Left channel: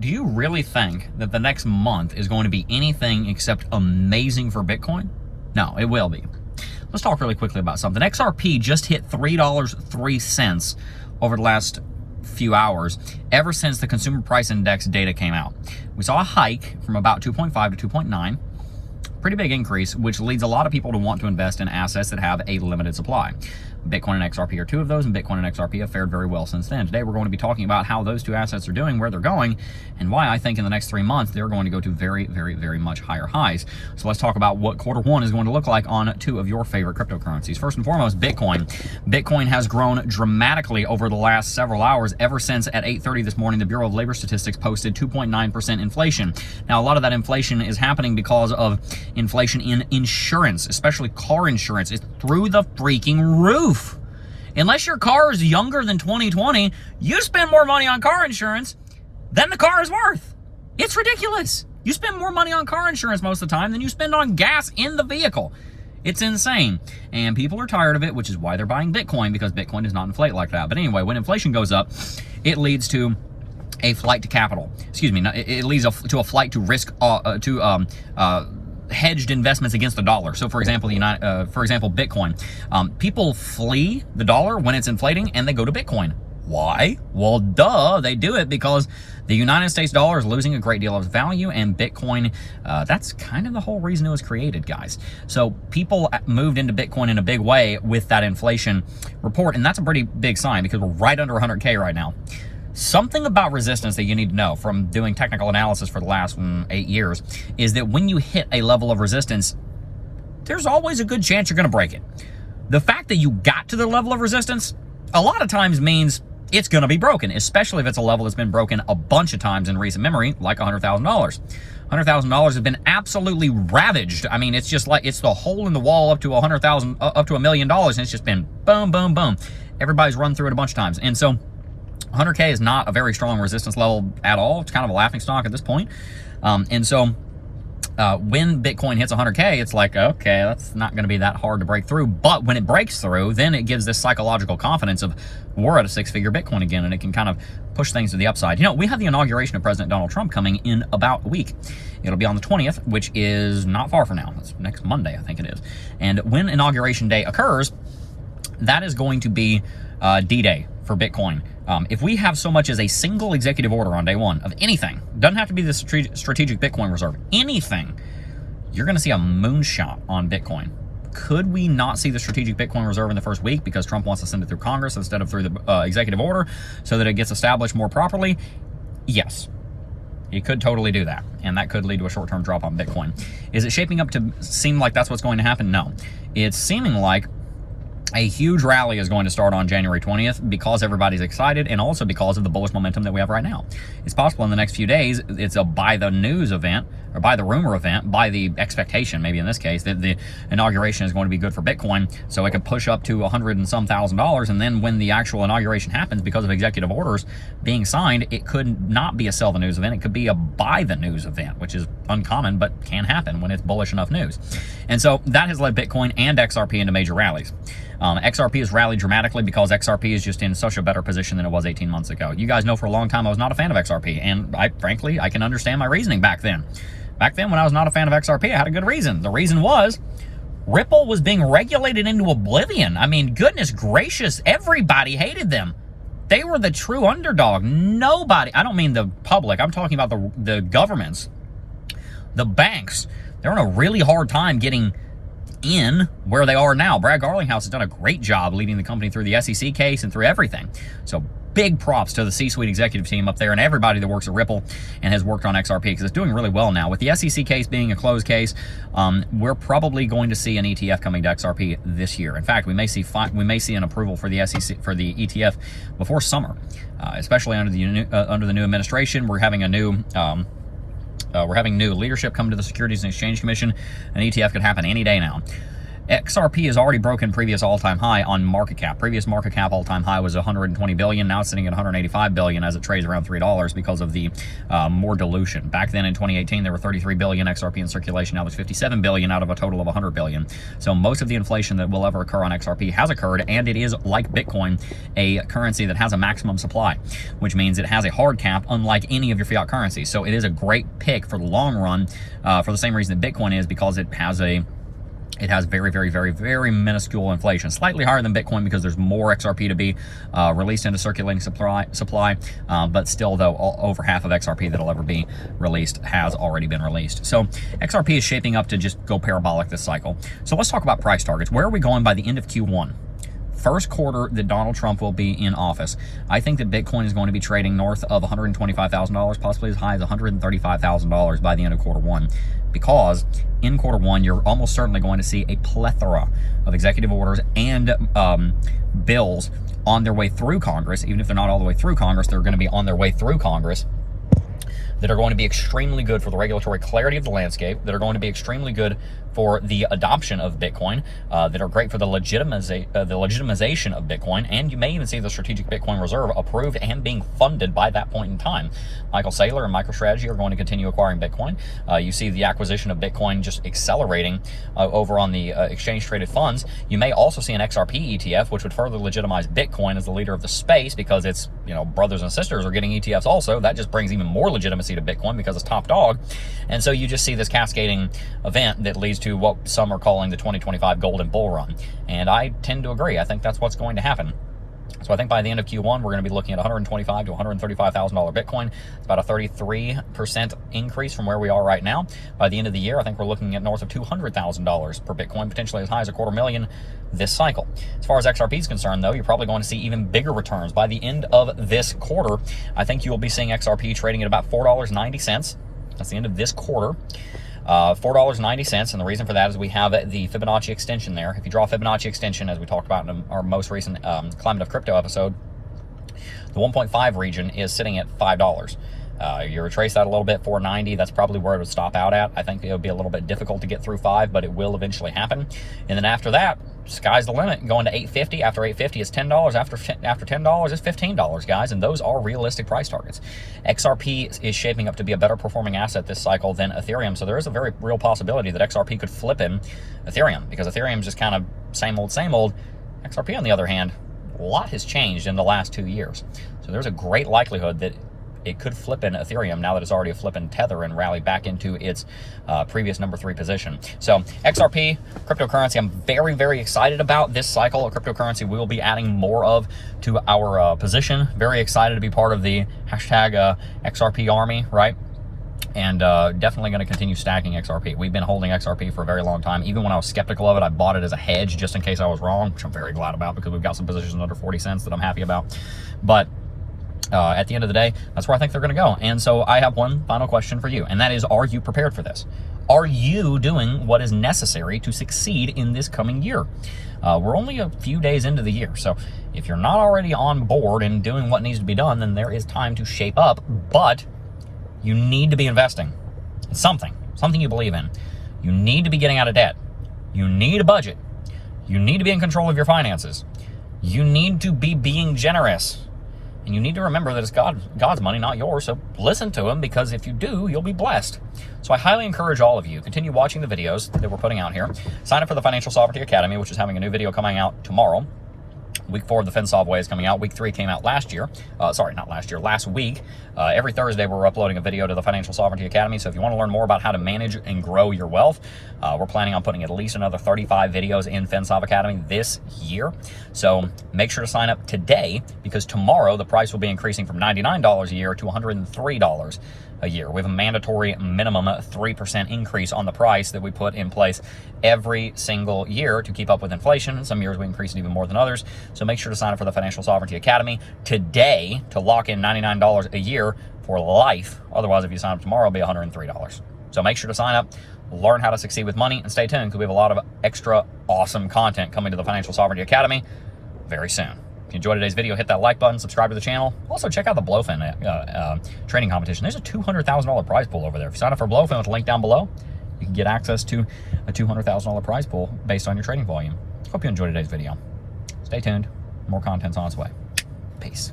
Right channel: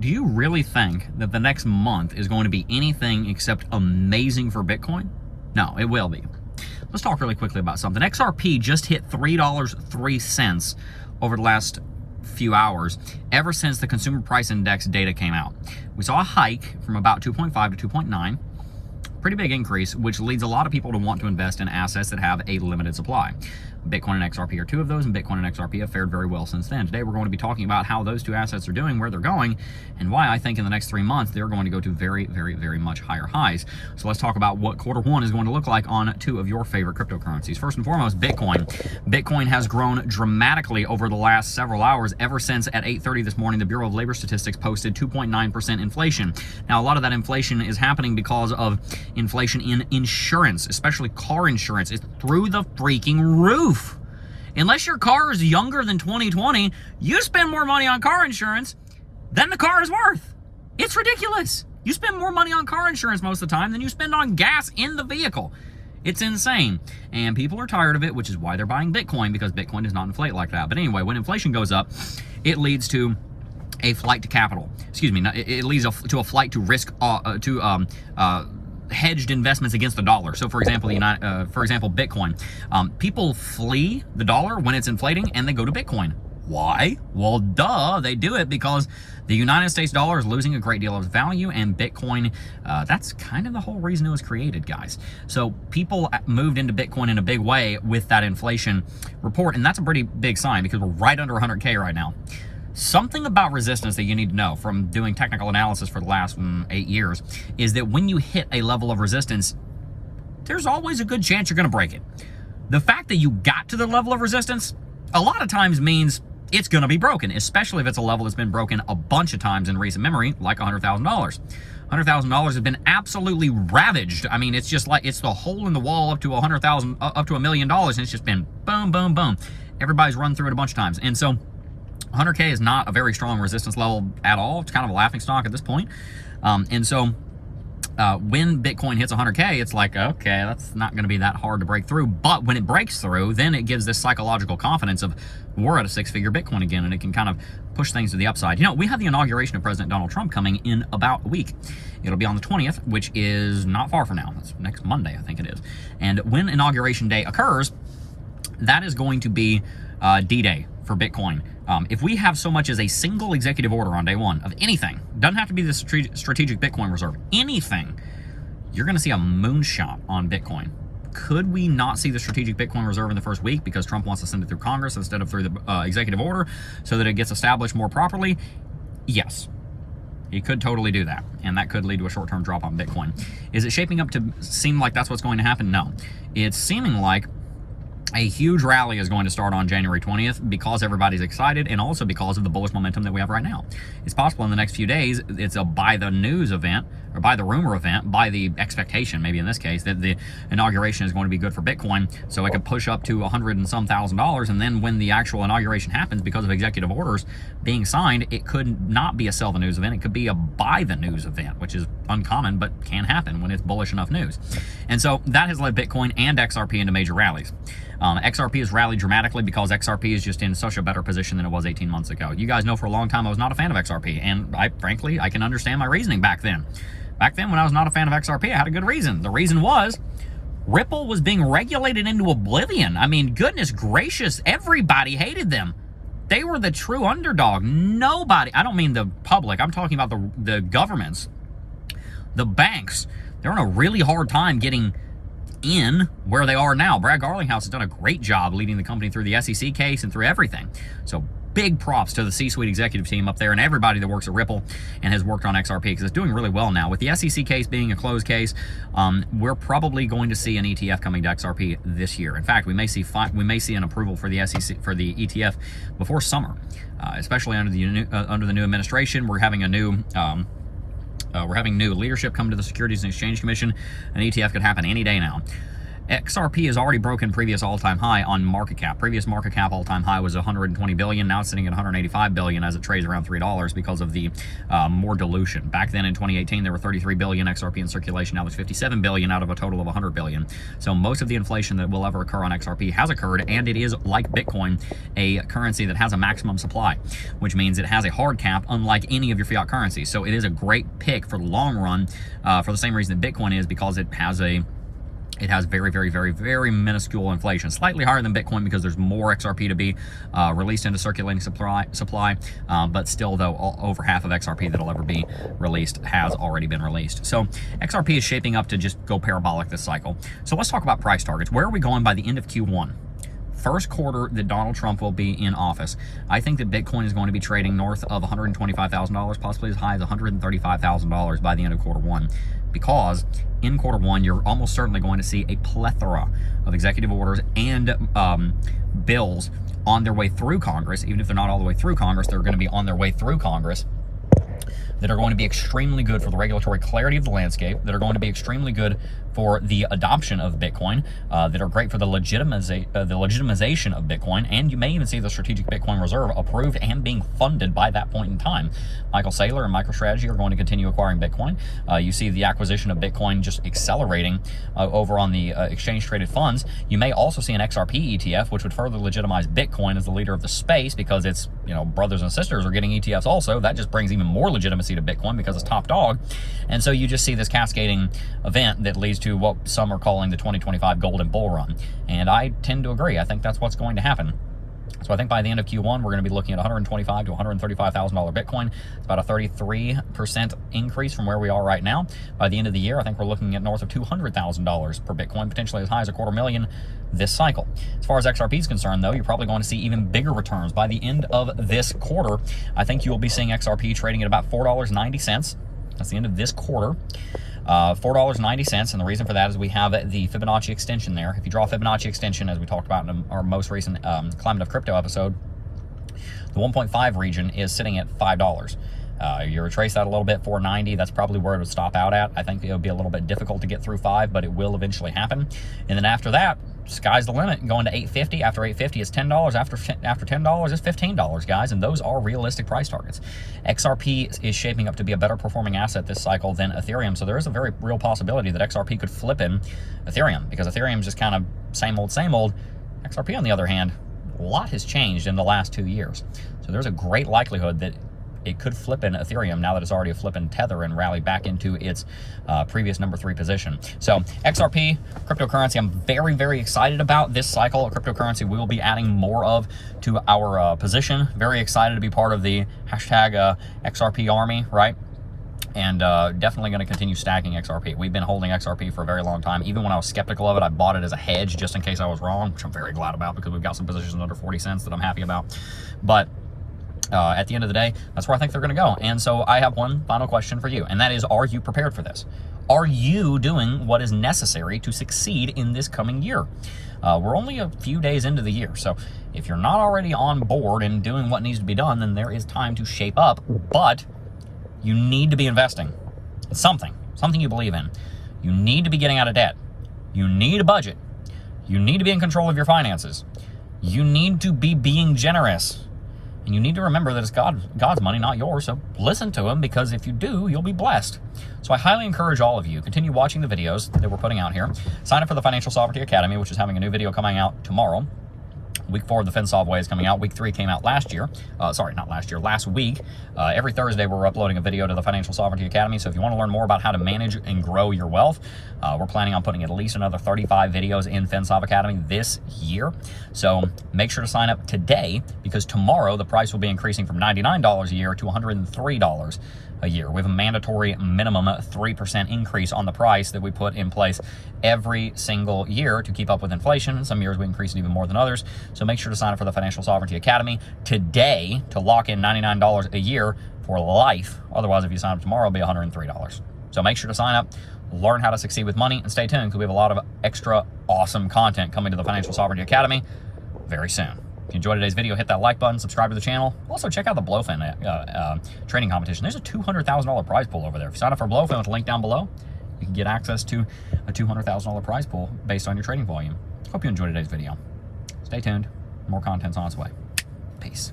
do you really think that the next month is going to be anything except amazing for Bitcoin? No, it will be. Let's talk really quickly about something. XRP just hit $3.03 over the last few hours, ever since the consumer price index data came out. We saw a hike from about 2.5 to 2.9. Pretty big increase, which leads a lot of people to want to invest in assets that have a limited supply. Bitcoin and XRP are two of those, and Bitcoin and XRP have fared very well since then. Today, we're going to be talking about how those two assets are doing, where they're going, and why I think in the next 3 months, they're going to go to very, very, very much higher highs. So let's talk about what Q1 is going to look like on two of your favorite cryptocurrencies. First and foremost, Bitcoin. Bitcoin has grown dramatically over the last several hours, ever since at 8:30 this morning, the Bureau of Labor Statistics posted 2.9% inflation. Now, a lot of that inflation is happening because of inflation in insurance, especially car insurance. It's through the freaking roof. Unless your car is younger than 2020, you spend more money on car insurance than the car is worth. It's ridiculous. You spend more money on car insurance most of the time than you spend on gas in the vehicle. It's insane. And people are tired of it, which is why they're buying Bitcoin, because Bitcoin does not inflate like that. But anyway, when inflation goes up, it leads to a flight to capital. Excuse me, it leads to a flight to risk, hedged investments against the dollar. So for example, Bitcoin. People flee the dollar when it's inflating and they go to Bitcoin. Why? Well, duh, they do it because the United States dollar is losing a great deal of value, and Bitcoin, that's kind of the whole reason it was created, guys. So people moved into Bitcoin in a big way with that inflation report, and that's a pretty big sign because we're right under 100K right now. Something about resistance that you need to know from doing technical analysis for the last 8 years is that when you hit a level of resistance, there's always a good chance you're going to break it. The fact that you got to the level of resistance a lot of times means it's going to be broken, especially if it's a level that's been broken a bunch of times in recent memory, like $100,000. $100,000 has been absolutely ravaged. I mean, it's just like it's the hole in the wall up to $1 million, and it's just been boom, boom, boom. Everybody's run through it a bunch of times, and so 100K is not a very strong resistance level at all. It's kind of a laughing stock at this point. And so when Bitcoin hits 100K, it's like, okay, that's not going to be that hard to break through. But when it breaks through, then it gives this psychological confidence of we're at a six-figure Bitcoin again, and it can kind of push things to the upside. You know, we have the inauguration of President Donald Trump coming in about a week. It'll be on the 20th, which is not far from now. It's next Monday, I think it is. And when Inauguration Day occurs, that is going to be D-Day for Bitcoin. If we have so much as a single executive order on day one of anything, doesn't have to be the strategic Bitcoin reserve, anything, you're going to see a moonshot on Bitcoin. Could we not see the strategic Bitcoin reserve in the first week because Trump wants to send it through Congress instead of through the executive order so that it gets established more properly? Yes. He could totally do that, and that could lead to a short-term drop on Bitcoin. Is it shaping up to seem like that's what's going to happen? No. It's seeming like a huge rally is going to start on January 20th because everybody's excited, and also because of the bullish momentum that we have right now. It's possible in the next few days it's a buy the news event, or buy the rumor event, buy the expectation, maybe in this case, that the inauguration is going to be good for Bitcoin, so it could push up to $100 and some thousand, and then when the actual inauguration happens, because of executive orders being signed, it could not be a sell the news event, it could be a buy the news event, which is uncommon, but can happen when it's bullish enough news. And so that has led Bitcoin and XRP into major rallies. XRP has rallied dramatically because XRP is just in such a better position than it was 18 months ago. You guys know for a long time I was not a fan of XRP, and frankly, I can understand my reasoning back then. Back then, when I was not a fan of XRP, I had a good reason. The reason was Ripple was being regulated into oblivion. I mean, goodness gracious, everybody hated them. They were the true underdog. Nobody, I don't mean the public, I'm talking about the governments, the banks. They're in a really hard time getting in where they are now. Brad Garlinghouse has done a great job leading the company through the SEC case and through everything. So big props to the C-suite executive team up there and everybody that works at Ripple and has worked on XRP, because it's doing really well now. With the SEC case being a closed case, we're probably going to see an ETF coming to XRP this year. In fact, we may see an approval for the SEC for the ETF before summer, especially under the new administration. We're having a new new leadership come to the Securities and Exchange Commission. An ETF could happen any day now. XRP has already broken previous all-time high on market cap. Previous market cap all-time high was 120 billion. Now it's sitting at 185 billion as it trades around $3 because of the more dilution. Back then in 2018, there were 33 billion XRP in circulation. Now there's 57 billion out of a total of 100 billion. So most of the inflation that will ever occur on XRP has occurred, and it is, like Bitcoin, a currency that has a maximum supply, which means it has a hard cap, unlike any of your fiat currencies. So it is a great pick for the long run, for the same reason that Bitcoin is, because it has very, very, very, very minuscule inflation. Slightly higher than Bitcoin because there's more XRP to be released into circulating supply, but still, though, over half of XRP that'll ever be released has already been released. So XRP is shaping up to just go parabolic this cycle. So let's talk about price targets. Where are we going by the end of Q1? First quarter that Donald Trump will be in office. I think that Bitcoin is going to be trading north of $125,000, possibly as high as $135,000 by the end of quarter one, because in quarter one, you're almost certainly going to see a plethora of executive orders and bills on their way through Congress. Even if they're not all the way through Congress, they're going to be on their way through Congress, that are going to be extremely good for the regulatory clarity of the landscape, that are going to be extremely good for the adoption of Bitcoin, that are great for the legitimization of Bitcoin, and you may even see the Strategic Bitcoin Reserve approved and being funded by that point in time. Michael Saylor and MicroStrategy are going to continue acquiring Bitcoin. You see the acquisition of Bitcoin just accelerating over on the exchange-traded funds. You may also see an XRP ETF, which would further legitimize Bitcoin as the leader of the space, because its brothers and sisters are getting ETFs also. That just brings even more legitimacy to Bitcoin because it's top dog. And so you just see this cascading event that leads to what some are calling the 2025 golden bull run. And I tend to agree. I think that's what's going to happen. So I think by the end of Q1, we're going to be looking at $125,000 to $135,000 Bitcoin. It's about a 33% increase from where we are right now. By the end of the year, I think we're looking at north of $200,000 per Bitcoin, potentially as high as $250,000 this cycle. As far as XRP is concerned, though, you're probably going to see even bigger returns. By the end of this quarter, I think you'll be seeing XRP trading at about $4.90. That's the end of this quarter. $4.90, and the reason for that is we have the Fibonacci extension there. If you draw a Fibonacci extension, as we talked about in our most recent Climate of Crypto episode, the 1.5 region is sitting at $5. You retrace that a little bit, $4.90, that's probably where it would stop out at. I think it would be a little bit difficult to get through $5, but it will eventually happen. And then after that, sky's the limit, going to $8.50. After $8.50, it's $10. After $10, it's $15, guys, and those are realistic price targets. XRP is shaping up to be a better performing asset this cycle than Ethereum, so there is a very real possibility that XRP could flip in Ethereum, because Ethereum is just kind of same old, same old. XRP, on the other hand, a lot has changed in the last 2 years. So there's a great likelihood that it could flip in Ethereum now that it's already a flip in Tether and rally back into its previous number 3 position. So XRP, cryptocurrency, I'm very, very excited about this cycle of cryptocurrency. We will be adding more of to our position. Very excited to be part of the hashtag XRP army, right? And definitely going to continue stacking XRP. We've been holding XRP for a very long time. Even when I was skeptical of it, I bought it as a hedge just in case I was wrong, which I'm very glad about, because we've got some positions under 40 cents that I'm happy about. But at the end of the day, that's where I think they're going to go. And so I have one final question for you, and that is, are you prepared for this? Are you doing what is necessary to succeed in this coming year? We're only a few days into the year, so if you're not already on board and doing what needs to be done, then there is time to shape up, but you need to be investing in something you believe in. You need to be getting out of debt. You need a budget. You need to be in control of your finances. You need to be being generous. And you need to remember that it's God's money, not yours, so listen to him, because if you do, you'll be blessed. So I highly encourage all of you, continue watching the videos that we're putting out here. Sign up for the Financial Sovereignty Academy, which is having a new video coming out tomorrow. Week 4 of the FinSov Way is coming out. Week 3 came out last year. Last week. Every Thursday, we're uploading a video to the Financial Sovereignty Academy. So if you want to learn more about how to manage and grow your wealth, we're planning on putting at least another 35 videos in FinSov Academy this year. So make sure to sign up today, because tomorrow the price will be increasing from $99 a year to $103 a year. We have a mandatory minimum 3% increase on the price that we put in place every single year to keep up with inflation. Some years we increase it even more than others. So make sure to sign up for the Financial Sovereignty Academy today to lock in $99 a year for life. Otherwise, if you sign up tomorrow, it'll be $103. So make sure to sign up, learn how to succeed with money, and stay tuned, because we have a lot of extra awesome content coming to the Financial Sovereignty Academy very soon. If you enjoyed today's video, hit that like button, subscribe to the channel. Also, check out the Blowfin trading competition. There's a $200,000 prize pool over there. If you sign up for Blowfin with the link down below, You can get access to a $200,000 prize pool based on your trading volume. Hope you enjoyed today's video. Stay tuned. More content's on its way. Peace.